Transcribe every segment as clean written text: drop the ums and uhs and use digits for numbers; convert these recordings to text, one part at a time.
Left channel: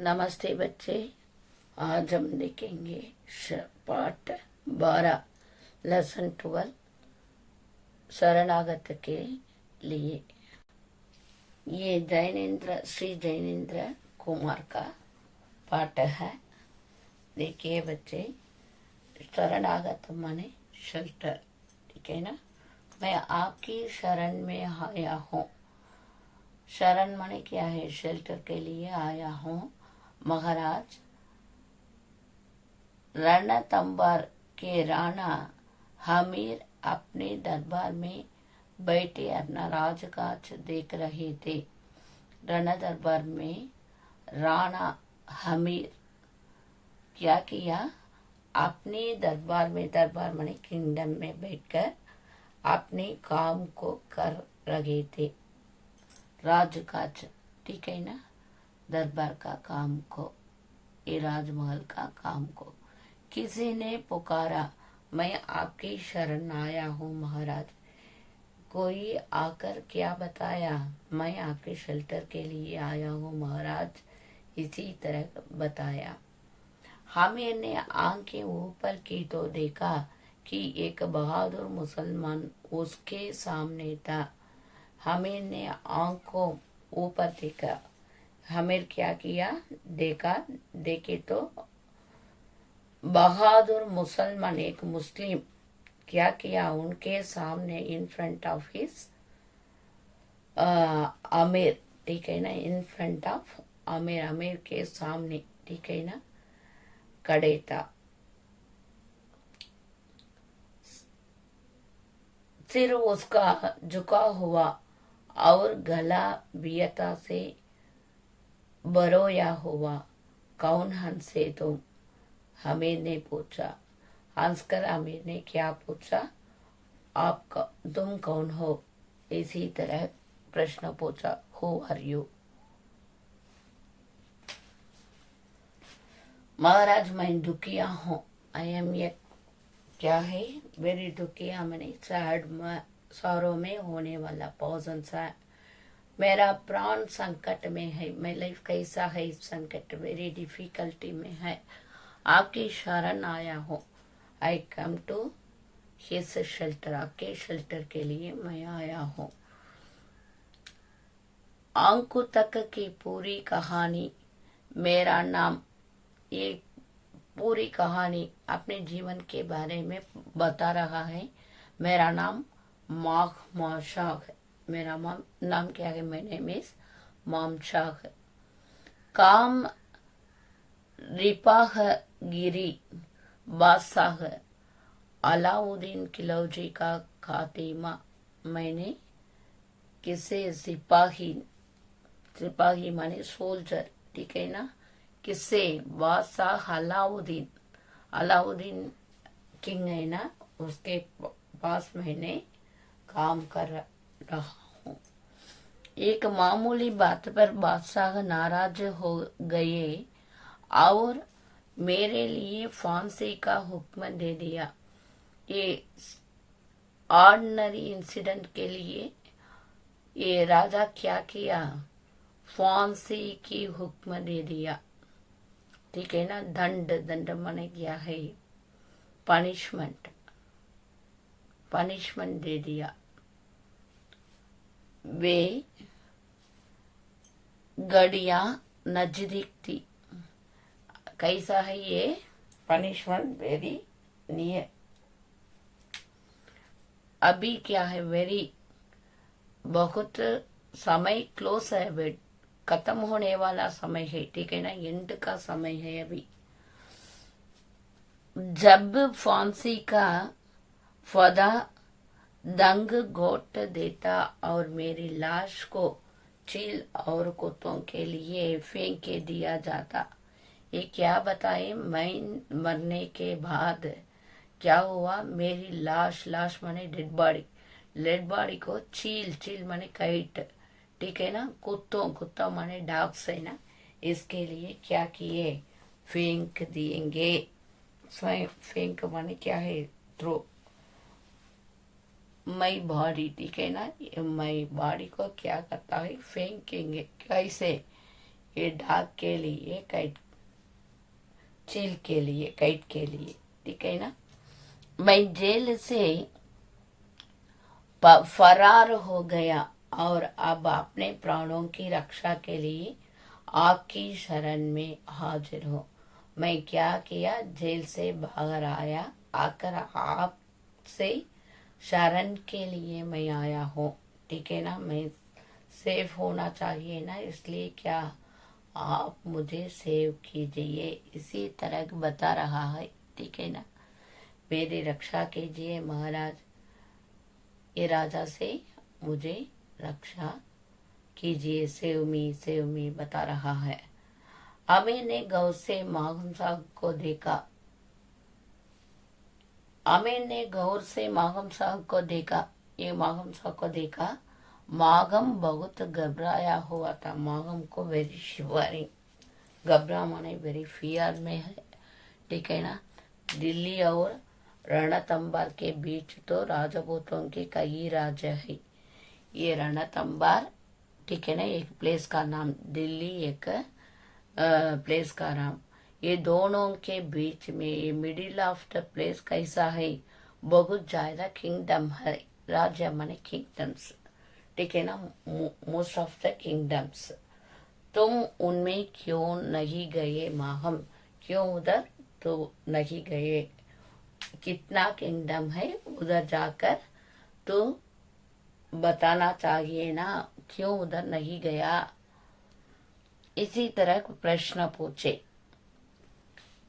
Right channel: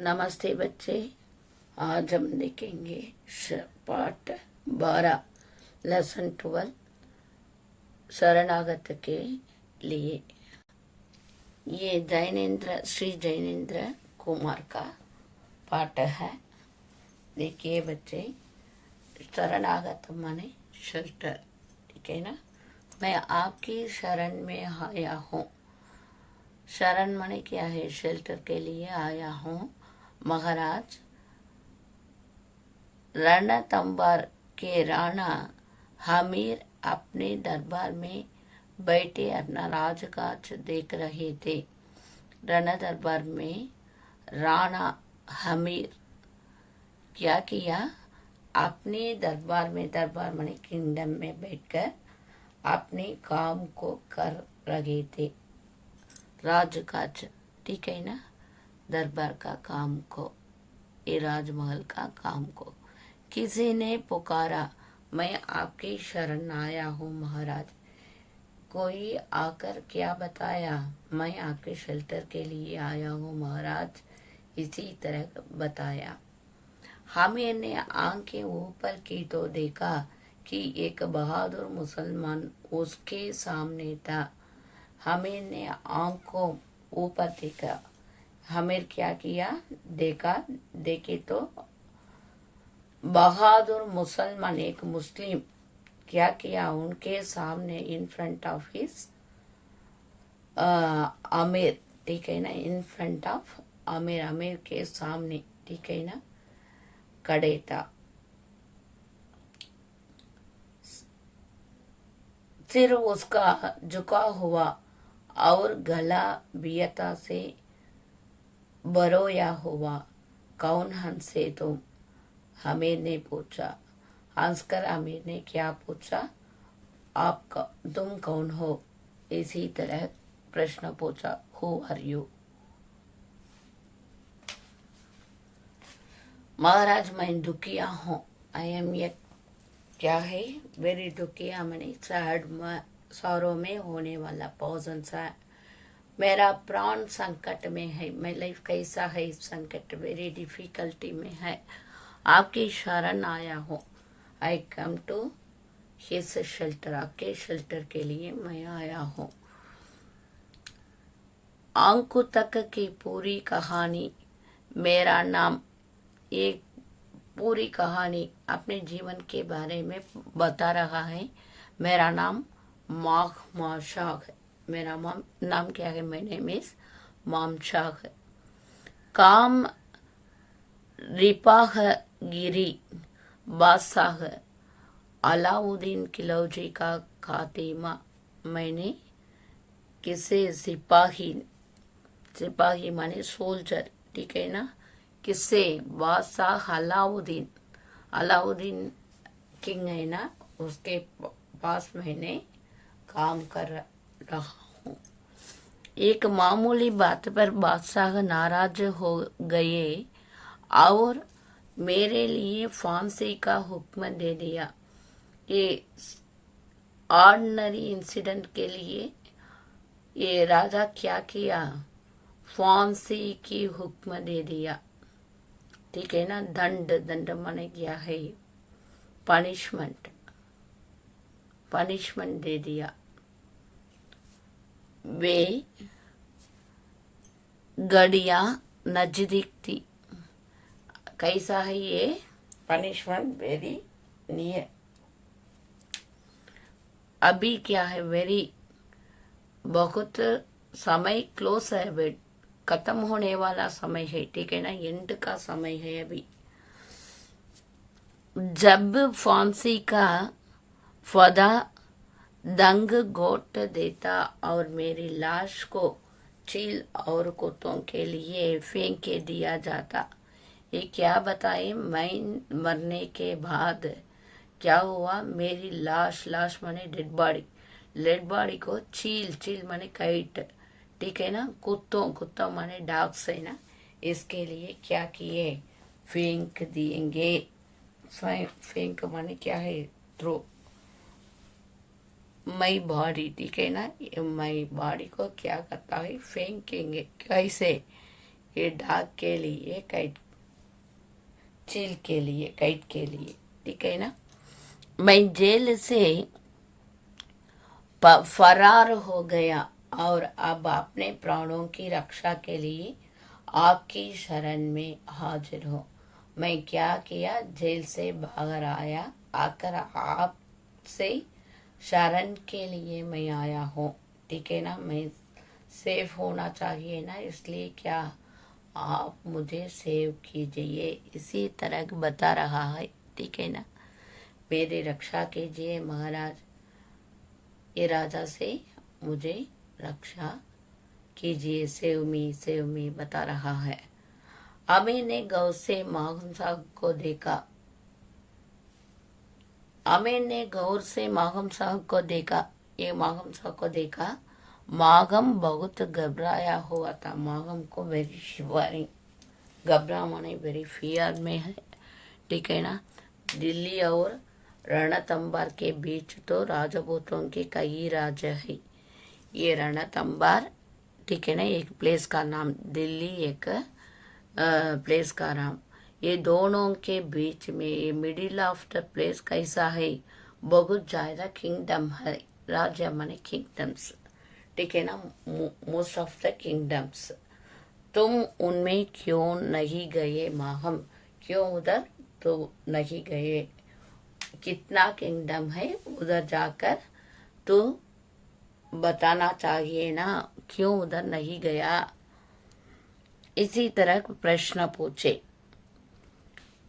नमस्ते बच्चे। आज हम देखेंगे पाठ 12 लेसन 12 शरणागत के लिए। ये श्री जैनेन्द्र कुमार का पाठ है। देखिए बच्चे, शरणागत माने शेल्टर, ठीक है ना। मैं आपकी शरण में आया हूँ। शरण माने क्या है? शेल्टर के लिए आया हूँ। महाराज, रणथंबर के राणा हमीर अपने दरबार में बैठे अपना राजकाज देख रहे थे। रण दरबार में राणा हमीर क्या किया? अपने दरबार में, दरबार माने किंगडम में बैठकर अपने काम को कर रहे थे। राजकाज, ठीक है ना। दरबार का काम को, ये राजमहल का काम को। किसी ने पुकारा, मैं आपके शरण आया हूँ महाराज। कोई आकर क्या बताया? मैं आपके शेल्टर के लिए आया हूँ महाराज। इसी तरह बताया। हमीर ने आंखें ऊपर की तो देखा कि एक बहादुर मुसलमान उसके सामने था। हमीर ने आंखों ऊपर देखा। हमीर क्या किया? देखे तो बहादुर मुसलमान, एक मुस्लिम क्या किया? उनके सामने, इन फ्रंट ऑफ हिज अमीर, ठीक है ना। इन फ्रंट ऑफ अमीर, अमीर के सामने, ठीक है ना, खड़े था। सिर उसका झुका हुआ और गला बियता से बरोया हुआ। कौन हंसे तुम? हमीर ने पूछा। हंसकर हमीर ने क्या पूछा? तुम कौन हो? इसी तरह प्रश्न पूछा। Who are you? महाराज, मैं दुखिया हूँ। आई एम ये क्या है? वेरी दुखिया मैंने सैड, सौरों में होने वाला, पॉजन सा। मेरा प्राण संकट में है। मैं लाइफ कैसा है? इस संकट, वेरी डिफिकल्टी में है। आपकी शरण आया हूँ। आई कम टू हिज शेल्टर, आपके शेल्टर के लिए मैं आया हूँ। अंकु तक की पूरी कहानी, मेरा नाम, एक पूरी कहानी अपने जीवन के बारे में बता रहा है। मेरा नाम माशाग है। मेरा नाम क्या है? माय नेम इज मामशाग है। काम रिपाह गिरी बादशाह अलाउद्दीन खिलजी का खातिमा। मैंने किसे? सिपाही माने सोल्जर, ठीक है ना। किससे? बादशाह अलाउद्दीन, अलाउद्दीन किंग है ना, उसके पास मैंने काम कर रहा हूँ। एक मामूली बात पर बादशाह नाराज हो गए और मेरे लिए फांसी का हुक्म दे दिया। ये ऑर्डिनरी इंसिडेंट के लिए ये राजा क्या किया? फांसी की हुक्म दे दिया, ठीक है ना। दंड माने क्या है? पनिशमेंट, पनिशमेंट दे दिया। वे घड़ियां नजदीक थी। कैसा है ये पनिशमेंट? Very near. अभी क्या है? वेरी, बहुत समय क्लोज है, वे खत्म होने वाला समय है, ठीक है ना। एंड का समय है अभी। जब फांसी का फदा दंग घोट देता और मेरी लाश को चील और कुत्तों के लिए फेंक के दिया जाता। ये क्या बताए? मैं मरने के बाद क्या हुआ? मेरी लाश माने डेड बॉडी, डेड बॉडी को चील माने काइट, ठीक है ना। कुत्ता माने डॉग्स है ना, इसके लिए क्या किए? फेंक दिएंगे। फेंक माने क्या है? थ्रो। मई बॉडी, ठीक है ना। मई बॉडी को क्या करता है? फेंकेंगे। कैसे? ये डाक के लिए, काइट चील के लिए, काइट के लिए, ठीक है ना। मैं जेल से फरार हो गया और अब अपने प्राणों की रक्षा के लिए आपकी शरण में हाजिर हूँ। मैं क्या किया, जेल से बाहर आया, आकर आपसे शरण के लिए मैं आया हूँ, ठीक है ना। मैं सेफ होना चाहिए ना, इसलिए क्या आप मुझे सेव कीजिए, इसी तरह बता रहा है, ठीक है ना। मेरी रक्षा कीजिए महाराज, ये राजा से मुझे रक्षा कीजिए, सेव मी बता रहा है। आमिर ने गौर से माघम साहब को देखा। आमिर ने गौर से माघम साहब को देखा। ये माघम साहब को देखा। माघम बहुत घबराया हुआ था। माघम को वेरी शिवरिंग, घबरा माने वेरी फियर में है, ठीक है ना। दिल्ली और रणथंबर के बीच तो राजपूतों के कई राज्य है। ये रणथंबर, ठीक है ना, एक प्लेस का नाम, दिल्ली एक प्लेस का नाम। ये दोनों के बीच में, ये मिडिल ऑफ द प्लेस कैसा है, बहुत ज्यादा किंगडम है। राज्य माने किंगडम्स, ठीक है ना, मोस्ट ऑफ द किंगडम्स। तुम उनमें क्यों नहीं गए माहम, क्यों उधर तो नहीं गए, कितना किंगडम है उधर जाकर तो बताना चाहिए ना, क्यों उधर नहीं गया। इसी तरह प्रश्न पूछे।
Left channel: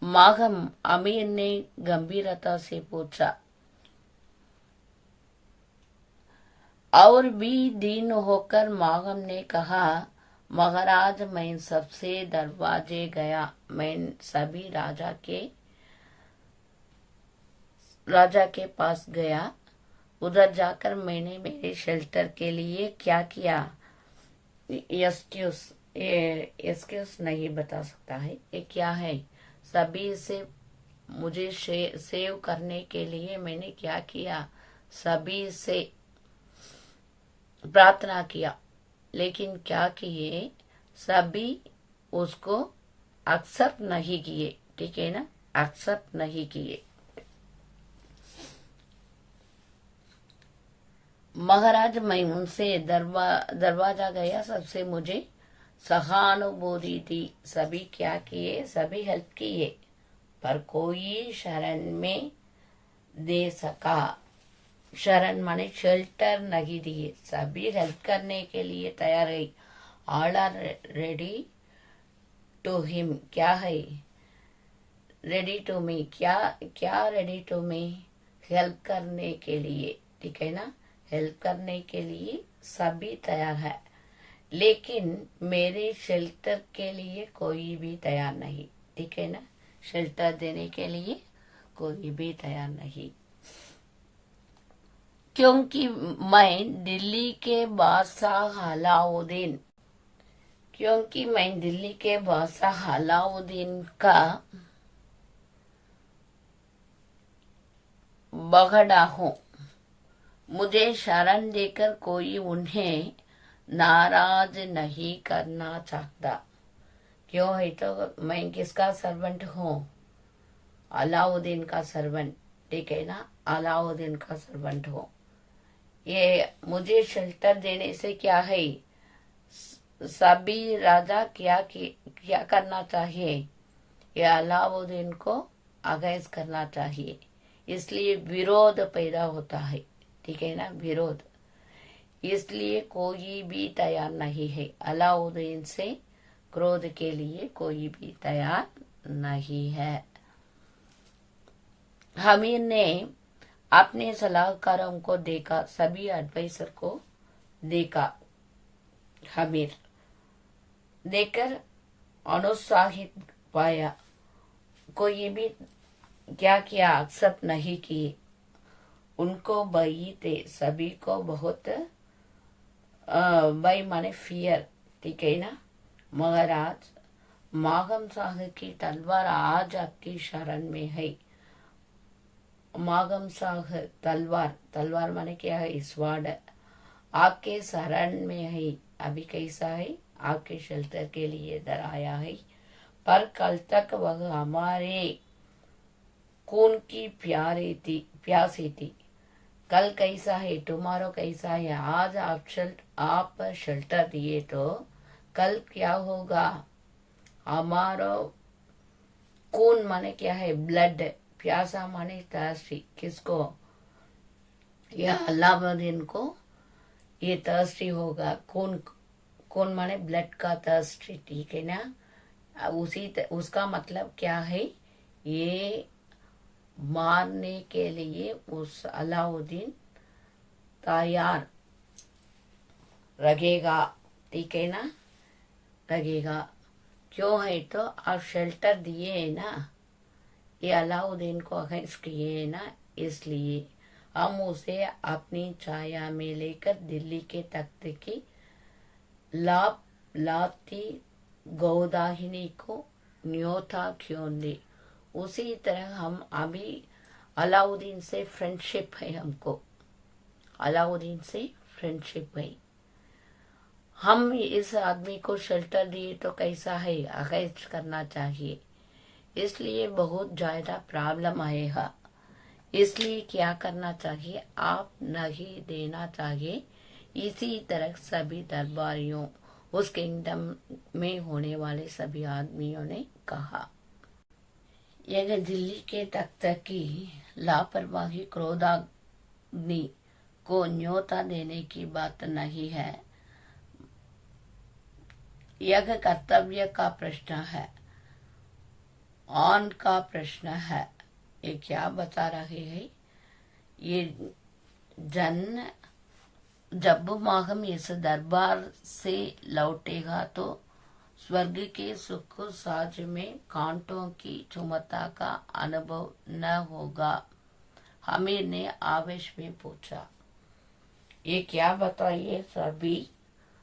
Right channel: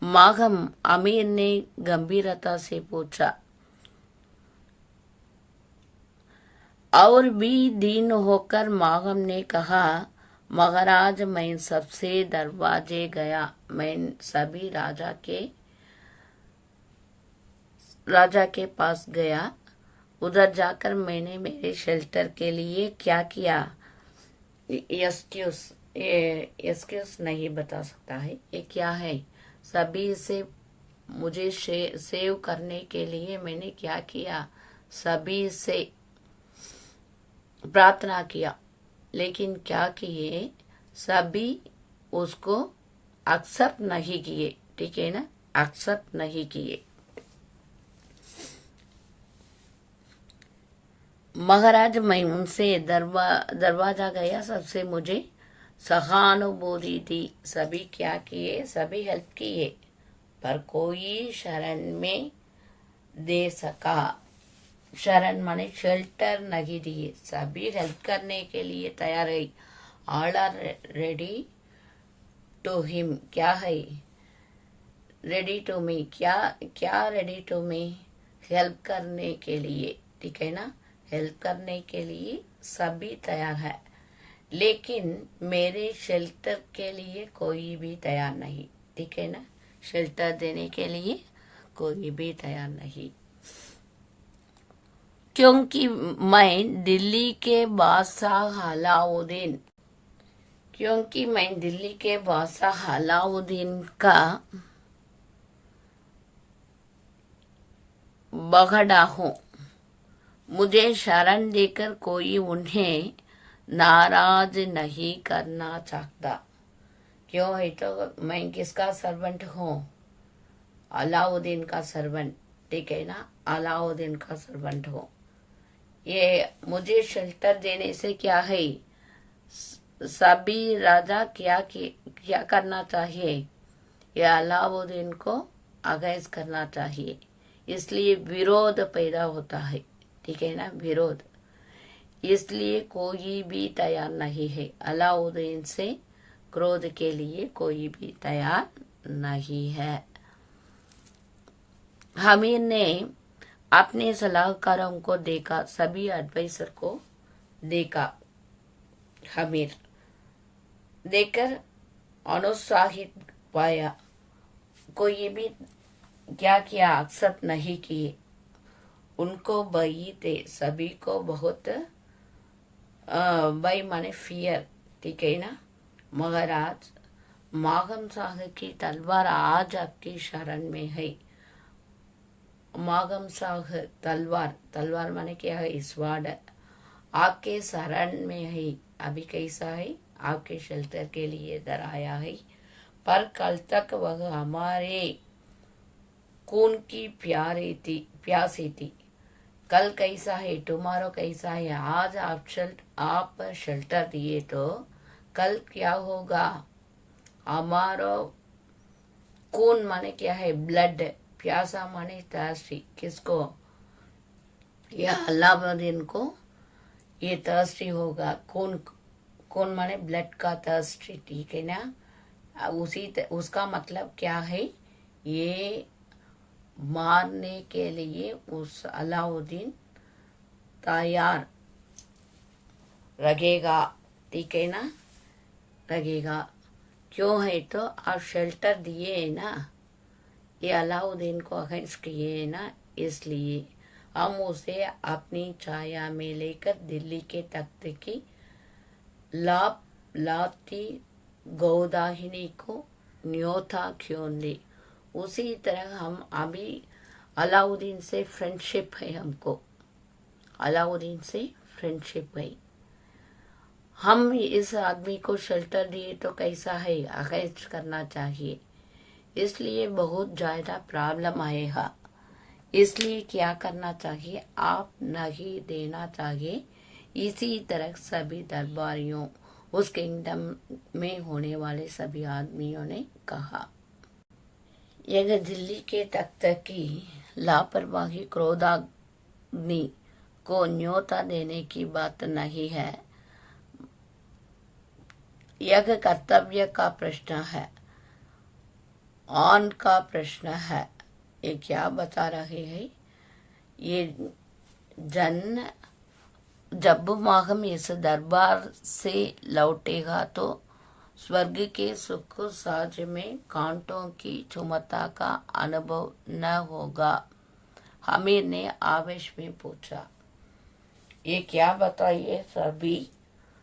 माघम, अमीर ने गंभीरता से पूछा। और भी दिन होकर माघम ने कहा, महाराज मैं सबसे दरवाजे गया, मैं सभी राजा के पास गया। उधर जाकर मैंने मेरे शेल्टर के लिए क्या किया, एक्सक्यूज नहीं बता सकता है, ये क्या है। सभी से मुझे सेव करने के लिए मैंने क्या किया, सभी से प्रार्थना किया, लेकिन क्या किए, सभी उसको एक्सेप्ट नहीं किए, ठीक है ना, एक्सेप्ट नहीं किए। महाराज मैं उनसे दरवाजा गया, सबसे मुझे सहानुभूति दी, सभी क्या किए, सभी हेल्प किए, पर कोई शरण में दे सका। शरण माने शेल्टर नहीं दिए, सभी हेल्प करने के लिए तैयार है। All are ready to him, क्या है, रेडी टू मी, क्या क्या रेडी टू मी, हेल्प करने के लिए, ठीक है ना, हेल्प करने के लिए सभी तैयार है, लेकिन मेरे शेल्टर के लिए कोई भी तैयार नहीं, ठीक है ना, शेल्टर देने के लिए कोई भी तैयार नहीं, क्योंकि मैं दिल्ली के बादशाह अलाउद्दीन, क्योंकि मैं दिल्ली के बादशाह अलाउद्दीन का बगड़ा हूँ। मुझे शरण देकर कोई उन्हें नाराज नहीं करना चाहता। क्यों है, तो मैं किसका सर्वेंट हूँ, अलाउद्दीन का सर्वेंट, ठीक है ना, अलाउद्दीन का सर्वेंट हूँ। ये मुझे शेल्टर देने से क्या है, सभी राजा क्या करना चाहिए, ये अलाउद्दीन को अगेंस्ट करना चाहिए, इसलिए विरोध पैदा होता है, ठीक है ना, विरोध, इसलिए कोई भी तैयार नहीं है, अलाउद्दीन से क्रोध के लिए कोई भी तैयार नहीं है। हमीर ने अपने सलाहकारों को देखा, सभी एडवाइजर को देखा। हमीर देखकर अनुत्साहित पाया, कोई भी क्या किया, एक्सेप्ट नहीं किए, उनको भय थे, सभी को बहुत भय माने फियर, ठीक है ना। महाराज, माघम साहब की तलवार आज आपकी शरण में है। माघम साहब तलवार, तलवार माने क्या है, स्वाड आपके शरण में है, अभी कैसा है, आपके शेल्टर के लिए इधर आया है, पर कल तक वह हमारे खून की प्यासी थी। कल कैसा है, टुमारो कैसा है। आज आप शेल्टर दिए तो कल क्या होगा। हमारा खून माने क्या है, ब्लड। प्यासा माने थर्स्टी, किसको, या अलाउद्दीन को ये थर्स्टी होगा। खून, खून माने ब्लड का थर्स्टी, ठीक है ना। उसका मतलब क्या है, ये मारने के लिए उस अलाउद्दीन तैयार रहेगा, ठीक है ना, रहेगा। क्यों है तो आप शेल्टर दिए है ना, ये अलाउद्दीन को अगेंस्ट किए है ना, इसलिए हम उसे अपनी छाया में लेकर दिल्ली के तख्त की लाती गोदाहिनी को न्योता क्यों दे। उसी तरह हम अभी अलाउद्दीन से फ्रेंडशिप है, हमको अलाउद्दीन से फ्रेंडशिप है। हम इस आदमी को शेल्टर दिए तो कैसा है, अगेंस्ट करना चाहिए। इसलिए बहुत ज्यादा प्रॉब्लम आएगा। इसलिए क्या करना चाहिए, आप नहीं देना चाहिए। इसी तरह सभी दरबारियों, उस किंगडम में होने वाले सभी आदमियों ने कहा। यह दिल्ली के तख्त की लापरवाही क्रोधाग्नि को न्योता देने की बात नहीं है, यह कर्तव्य का प्रश्न है, ऑन का प्रश्न है। ये क्या बता रहे हैं, ये जन जब माहम इस दरबार से लौटेगा तो स्वर्ग के सुख साज में कांटों की चुमता का अनुभव न होगा। हमीर ने आवेश में पूछा, ये क्या बताइए,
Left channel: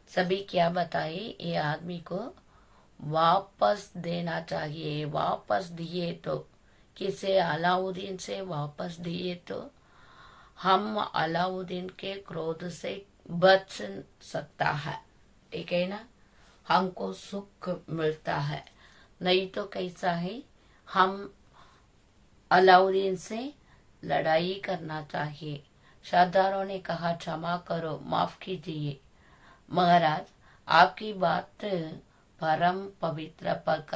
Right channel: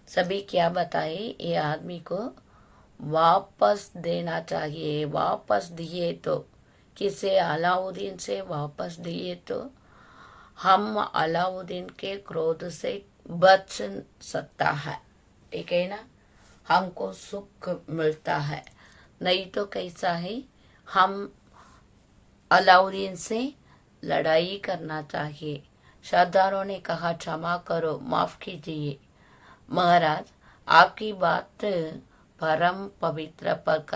सभी क्या बताइए। ये आदमी को वापस देना चाहिए। वापस दिए तो किसे, अलाउद्दीन से वापस दिए तो हम अलाउद्दीन के क्रोध से बच सकता है, ठीक है ना, हमको सुख मिलता है। नहीं तो कैसा है, हम अलाउद्दीन से लड़ाई करना चाहिए। सरदारों ने कहा, क्षमा करो, माफ कीजिए महाराज, आपकी बात परम पवित्र, पर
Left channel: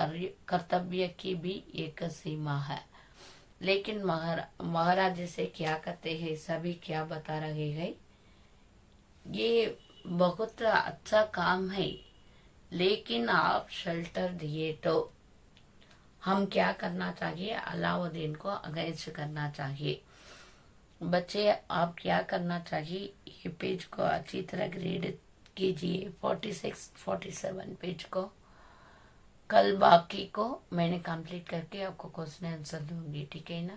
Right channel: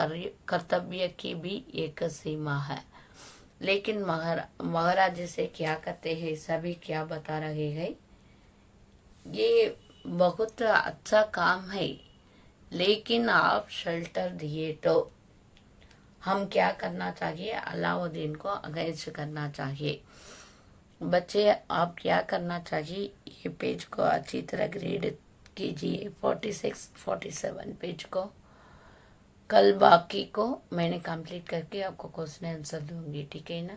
कर्तव्य की भी एक सीमा है। लेकिन महाराज जैसे क्या करते हैं, सभी क्या बता रहे हैं, ये बहुत अच्छा काम है, लेकिन आप शेल्टर दिए तो हम क्या करना चाहिए, अलाउद्दीन को अगेंस्ट करना चाहिए। बच्चे आप क्या करना चाहिए, ये पेज को अच्छी तरह रीड कीजिए, 46 47 पेज को। कल बाकी को मैंने कंप्लीट करके आपको क्वेश्चन आंसर दूंगी, ठीक है ना।